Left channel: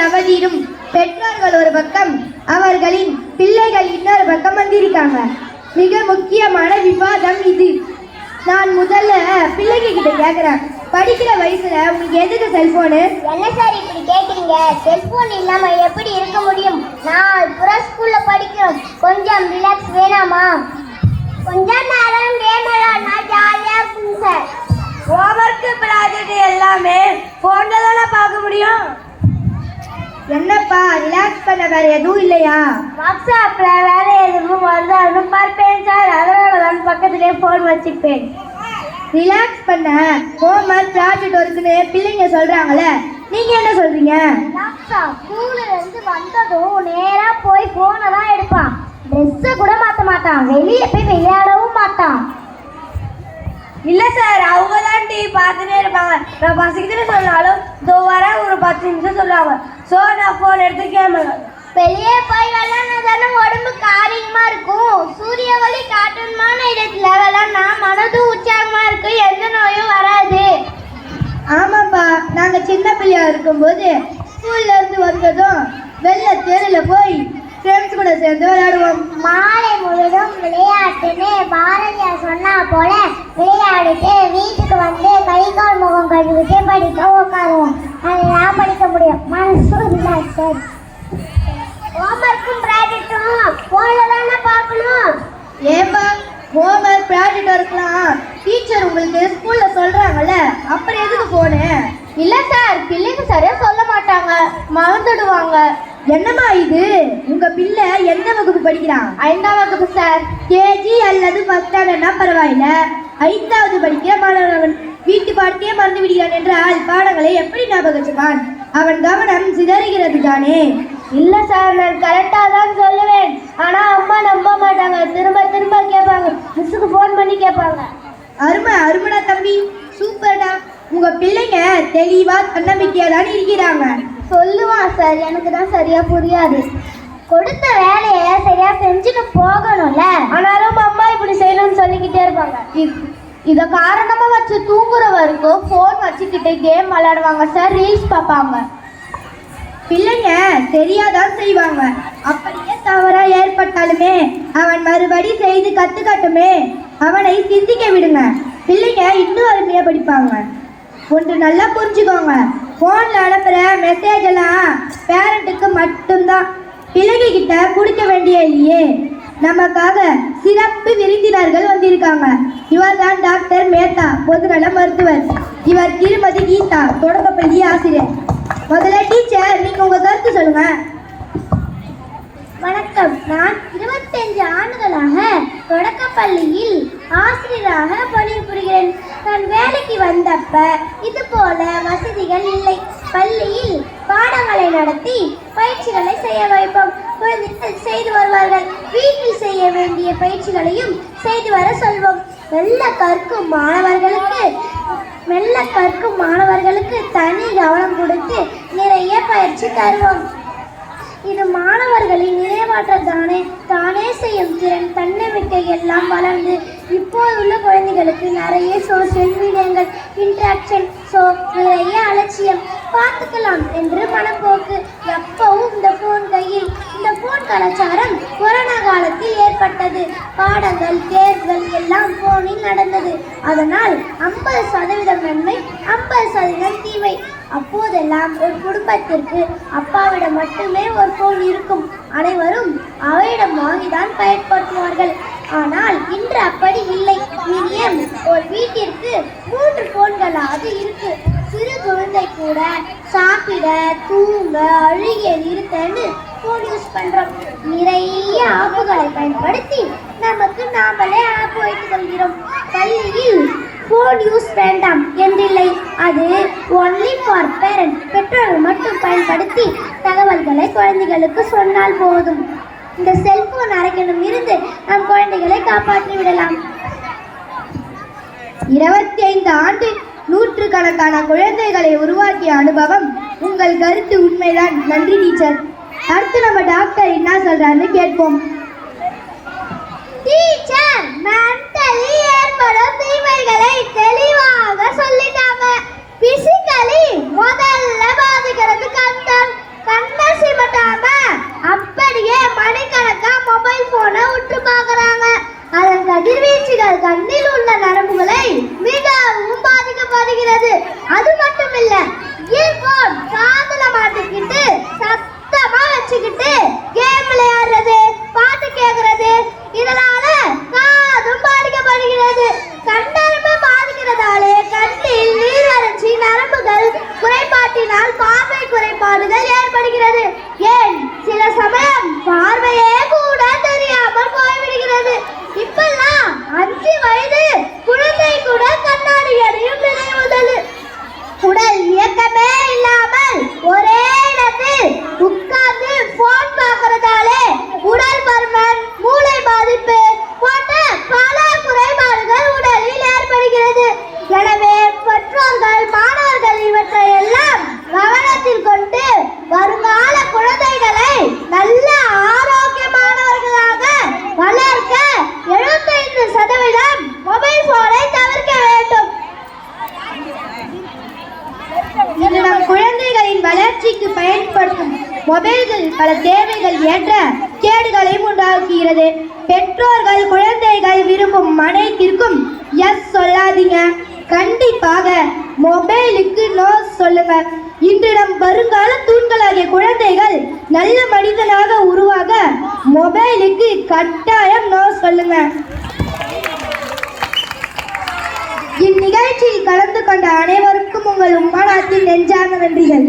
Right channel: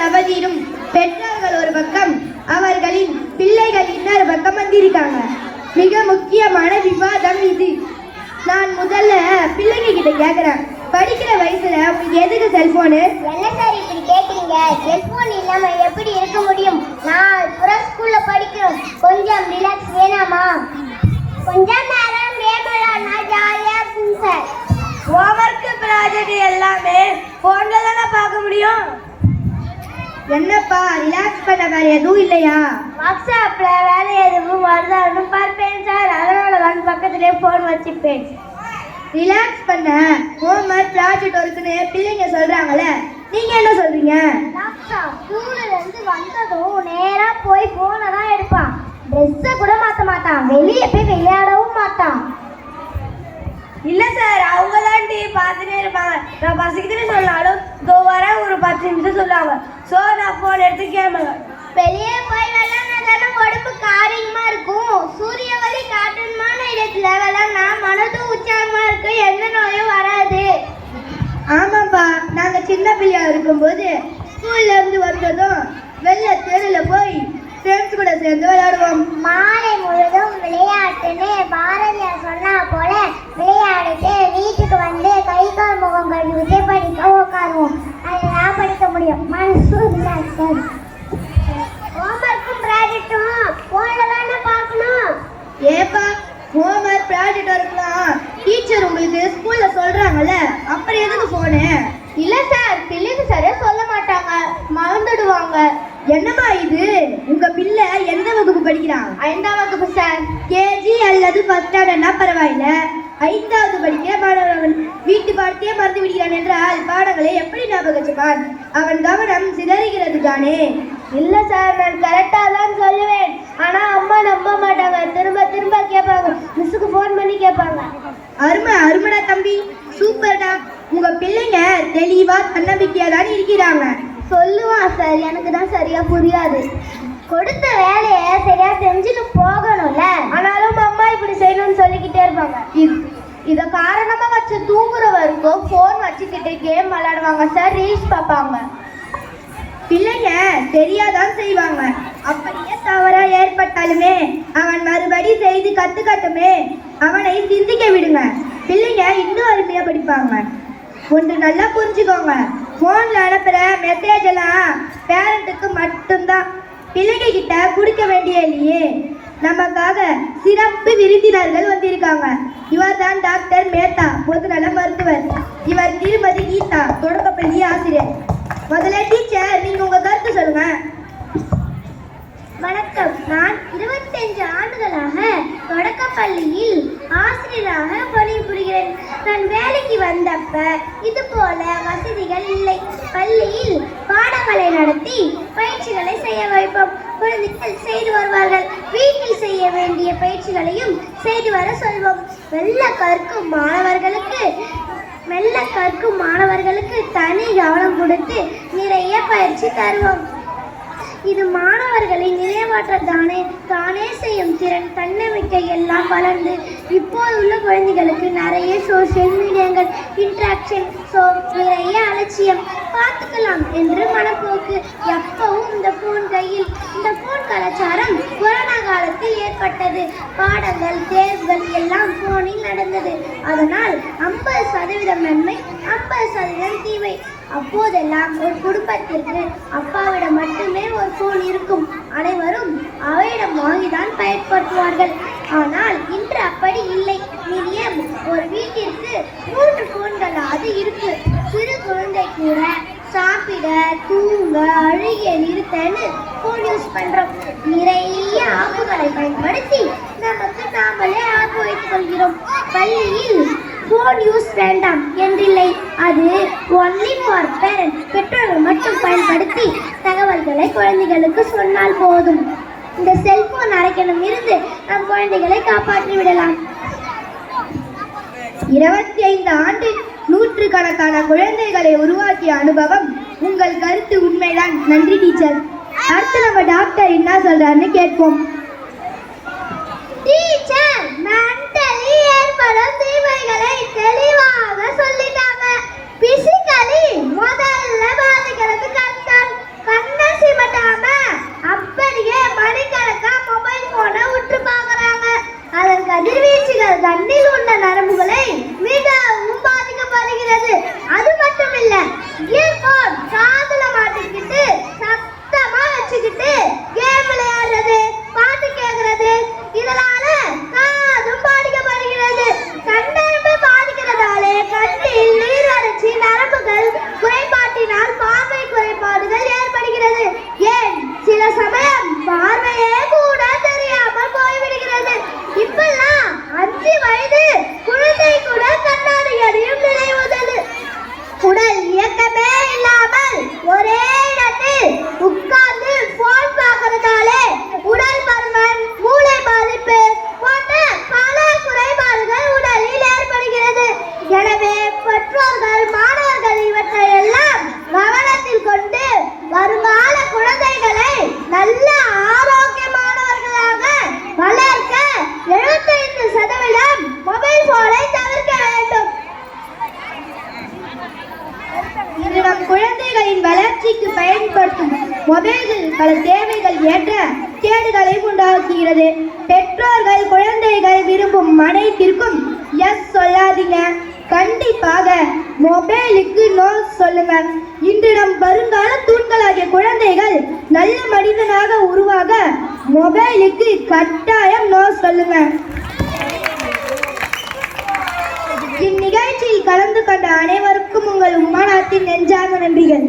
நாள் அவதியிலும் பெற்றோர்கள் ஒரு பக்கம், அவர்களின் பிள்ளைகள் இன்னொரு பக்கம் வந்திருக்காங்க. மிக முக்கியமான விவாதம் இது. நான் முதல்ல பிள்ளைங்க கிட்ட கேட்குறேன், படிக்கிற வயசுல உங்களுக்கு எதுக்கு செல்போனு? என்ன சார் இப்படி கேட்குறீங்க? செல்போன் இல்லாம எப்படி இருக்க முடியும்? நான் புற ஸ்கூல்ல படிக்கிறோம், கொஞ்சம் ரிலாக்ஸ் வேணாமா? கொஞ்சம் நேரம் கேம் விளையாடினா ஜாலியா இருக்கும் சார். ஹோம்ஒர்க் ப்ராஜெக்ட் எல்லாமே போன்ல தானே பார்க்க முடியும். என்னப்பா ரிலாக்ஸ் பண்ண வேற எதுவும் இல்லையா? வாட்ஸ்அப்ல வேற எதுவும் வருதான்னு பார்ப்பேன் சார், அதனால தான் பக்கத்துலேயே போன் வச்சுப்பேன். ரிலாக்ஸ் பண்ண ஹோம்ஒர்க் ப்ராஜெக்ட் ஒர்க்குன்னு பிள்ளைங்க சொல்றாங்கல்ல, நீங்க என்ன சொல்றீங்க? ஸ்கூல்ல இருந்து வந்ததும் நேரா போய் போனை தான் எடுப்பான், ட்ரெஸ்ஸை கூட மாற்ற மாட்டான், வெளியே போய் விளையாடவும் மாட்டான். இல்ல சார், அவங்க தான் டிவி பார்த்துட்டே இருப்பாங்க. நான் பசிக்குதுன்னு சொன்னாலும் இதோ வர ஒரு 10 நிமிஷம் சொல்லுவாங்க. ஸோ நான் ஃபோன் எடுத்து கேம் வெளியே போய் விளையாடுறதால உடம்புக்கு ஆரோக்கியமா இருக்கும். சூரிய ஒளி காட்டணுமான இடத்துல விளையாடினா மனதும் உற்சாகமா இருக்கு, எந்த நோயும் வராது. ஆமாப்பா, நாங்க சின்ன பிள்ளையா இருக்கும்போது ஸ்கூல்ல இருந்து வந்ததும் வெள்ள தெருல போய் ஃப்ரெண்ட்ஸ் கூட சேர்ந்து விளையாடுவோம். மாலை முழுதும் விளையாட்டுன்னு பாரதியார் சொன்னா போல விளையாடிட்டு வீட்டுக்கு வந்து கை கால் முகம் கழுவிட்டு படிக்க உட்காருவோம். அதெல்லாம் படிக்க முடியும், மனசு ரிலாக்ஸ். ஹோம்ஒர்க்கும் ப்ராஜெக்டும் போன்ல தானே பார்க்கணும். ஏப்பா, ஹோம்ஒர்க் ப்ராஜெக்ட் இருக்கலாம் டீச்சர் உங்களுக்கு ஸ்கூல்ல சொல்றாங்கல்ல, அப்புறம் எதுக்கு போனேன்? இல்ல சார், பிள்ளைங்க சரியா சொல்ல மாட்டாங்க, மறந்துடுவாங்க. என்னம்மா இது? உங்க பிள்ளை எந்த வகுப்பு படிக்கிறான்? 5ஆம் வகுப்பு சார். கேஜி அல்லது ஃபர்ஸ்ட் ஸ்டாண்டர்ட்னா பரவாயில்ல, 5வது படிக்கிற மாணவன் வீட்டு பாடத்தையே மறந்து விடுகிறான் என்றால் பாடங்களை எப்படி ஞாபகம் வச்சுப்பான்? அவன் கவனம் சிதறுகிறது தானே. இல்ல சார், நான் கரெக்டா தான் சொல்லுவேன், ஆனா அம்மா நம்ப மாட்டாங்க, திரும்ப திரும்ப கேட்பாங்க, மிஸ்ஸுக்கு ஃபோன் பண்ணி கேட்பாங்க. அருமடா தம்பி, சூப்பர்டா. உங்க பிள்ளைங்க தெளிவா தன்னம்பிக்கையா தான் இருக்கிறாங்க. சொல்லுவான் சார், எனக்கு தான் சரியா புரியாது. கொடுத்த வேலையை சரியா செஞ்சுட்டு போகணும்ல, ஆனாலும் அம்மா இப்படி செய்யணும்னு சொல்லிக்கிட்டே இருப்பாங்க. இத காரணமா வச்சு தூங்குற வரைக்கும் போன் வச்சுக்கிட்டு கேம் விளையாடுவாங்க சார், ரீல்ஸ் பார்ப்பாங்க. பிள்ளைங்க தெரியாதான் செய்வாங்க. அப்படியே தவறா ஏற்பட்டாலுமே அவன் மறுபடி செய்து கத்துக்கட்டுமே, அவனை சிந்திக்க விடுங்க. பிள்ளைங்க இன்னும் அருமையா படிப்பாங்க. ஒன்று நல்லா புரிஞ்சுக்கோங்க, போன்ல அனுப்புற மெசேஜ் எல்லாம் பேரண்ட்டுக்கு மட்டும்தான், பிள்ளைங்க கிட்ட கொடுக்க வேண்டிய இல்லையே. நமக்காக சிறப்பு விருந்தினர்கள் வந்திருக்காங்க. இவர் தான் டாக்டர் மேத்தா, பொதுநல மருத்துவர். இவர் திருமதி கீதா, தொடக்கப்பள்ளி ஆசிரியர். முதல்ல டீச்சர், நீங்க உங்க கருத்து சொல்லுங்க. வணக்கம், நான் 25 ஆண்டுகளாக தொடக்கப்பள்ளியில் ஆசிரியராக பணிபுரிகிறேன். நான் வேலைக்கு வந்தப்ப இது போல வசதிகள் இல்லை. பள்ளியில் பாடங்களை நடத்தி பயிற்சிகளை செய்ய வைப்போம். குழந்தைகள் செய்து வருவார்கள். வீட்டில் செய்ய வேண்டிய பயிற்சிகளையும் செய்து வர சொல்வோம். மெல்ல கற்கும் மாணவர்களுக்கு தனி கவனம் கொடுத்து நிறைய பயிற்சி தருவோம். இது மாணவர்களின் நினைவாற்றல் தானே செய்யும் திறன், தன்னம்பிக்கை எல்லாம் வளர்ந்து இப்போதுள்ள குழந்தைகளுக்கு நிறைய சோசியல் மீடியாக்கள் இன்ட்ராக்ஷன், நிறைய அலட்சியம், பார்த்துக்கலாம் என்று மனப்போக்கு, எப்பவும் இந்த போன் கையில். இந்த போன் கலாச்சாரம் கொரோனா காலத்தில் ஏற்பட்டது. பாடங்கள், தேர்வுகள் எல்லாம் போனில் நடந்தது. அதனால் 50% நன்மை, 50% தீமை. அப்போதெல்லாம் ஒரு குடும்பத்திற்கு அப்பாவிடம் மட்டுமே ஒரு போன் இருக்கும். அனைவரும் அவையிடம் வாங்கிதான் பயன்படுத்துவார்கள். ஆனால் இன்று அப்படி இல்லை. மினிமம் ஒரு வீட்டிற்கு 3 போன்களாவது இருக்கு. சிறு குழந்தை கூட சாப்பிட, தூங்க, அழுகிய நிறுத்தன்னு போன் யூஸ் பண்றோம். நிறைய ஆப்புகளை பயன்படுத்தி நமக்கு நாமளே ஆப்பு வைத்துக் கொள்கிறோம். பள்ளியில் போன் யூஸ் வேண்டாம் என்றில்லை, அது ஒன்லி ஃபார் பேரண்ட். பெற்றோர்கள் மட்டும் பயன்படுத்தி தகவல்களை குழந்தைகளுக்கு சொன்னால் போதும். இந்த செல்போன் அரைக்கணும் இருந்து நம் குழந்தைகளை காப்பாற்றி விடலாம். 25 ஆண்டு நூற்றுக்கணக்கான குழந்தைகளை உருவாக்கிய அனுபவம். உங்கள் கருத்து உண்மைதான். நன்றி டீச்சர். அடுத்து நம்ம டாக்டர் என்ன சொல்றாருன்னு கேட்போம். டீச்சர், மென்டலி ஏற்படும் தீமைகளை தெளிவாக சொல்லிட்டாங்க. பிசிக்கலி முதல்ல பாதிக்கிறது கண் ஏன் சில சமயம் பார்வையே கூட தெரியாமல் போய்விடுகிறது. இப்பெல்லாம் 5 வயது குழந்தை கூட கண்ணாடி அணியும் நினைவுதல். உடல் இயக்கமே இல்லாமல் ஒரே இடத்தில் உட்கார்ந்து போன் பார்க்கறதாலே உடல் பருமன், மூளை பாதிப்பு போன்ற பல குறைபாடுகள் உடலில் ஏற்படுகிறது. எனவே பெற்றோர்கள், மாணவர்கள் இவற்றை எல்லாம் கவனத்தில் கொண்டு வருங்கால குழந்தைகளை நல்ல ஆரோக்கியமானவர்களாக வளர்க்க 75% மொபைல் போனை தவிர்க்க வேண்டும். இது நம் குழந்தைகளின் வளர்ச்சிக்கு பயன்படுத்தும் மொபைல்கள் பல தேவைகள் ஏற்ற கேடுகளையும் உண்டாக்குகிறது. பெற்றோர்கள் குழந்தைகள் விரும்பும் அனைத்திற்கும் எஸ் சொல்லாதீங்க. கண்டிப்பாக மொபைலுக்கு நோ சொல்லுங்க. இன்று நம் வருங்கால தூண்களாகிய குழந்தைகள் நல்ல மனிதனாக உருவாக மொபைலுக்கு கட்டாயம் நோ சொல்லுங்க. இந்நிகழ்ச்சியில் கலந்து கொண்ட அனைவருக்கும் உங்கள் உமானத்தின் நெஞ்சார்ந்த நன்றிகள்.